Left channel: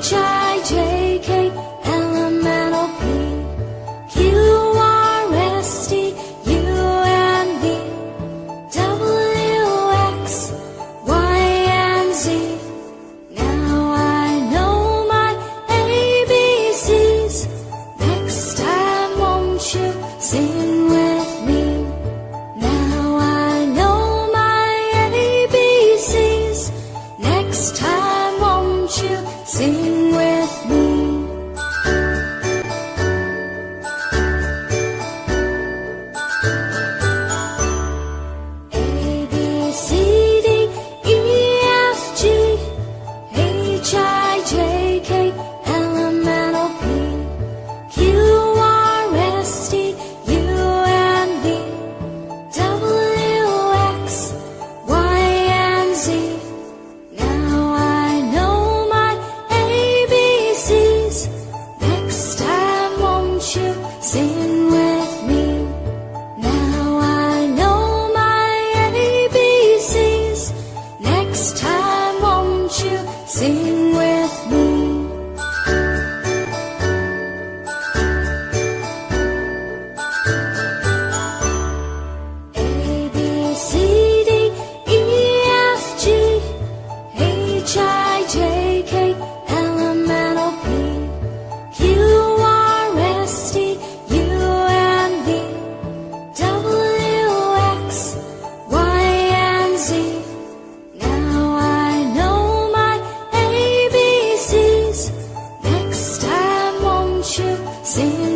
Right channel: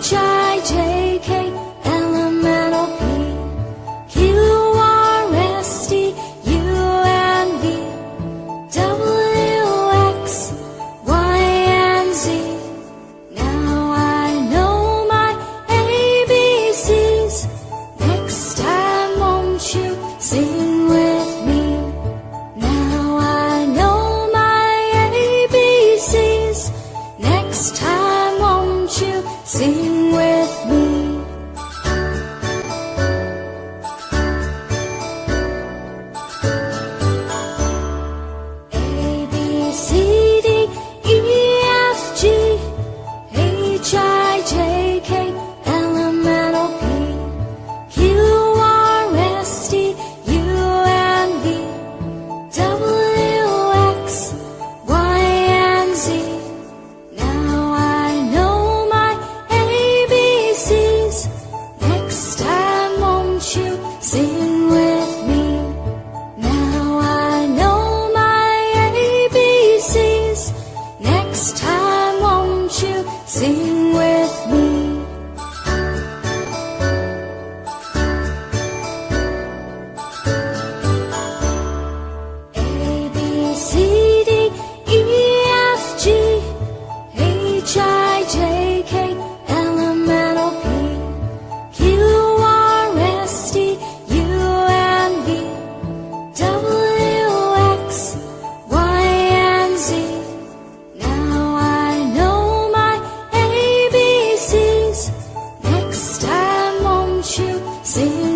H-I-J-K, L-M-N-O-P, Q-R-S-T, U-N-V, W-X, Y-and-Z. Now I know my ABCs. Next time won't you sing with me? Now I know my ABCs. Next time won't you sing with me? A, B, C, D, E, F, G, H, I, J, K, L, M, N, O, P, Q, R, S, T, U, N, V, W, X, Y, and Z. Now I know my ABCs. Next time won't you sing with me? Now I know my ABCs. Next time won't you sing with me? A, B, C, D, E, F, G, H, I, J, K, L, M, N, O, P, Q, R, S, T, U, N, V, W, X, Y, and Z. Now I know my ABCs. Next time won't you sing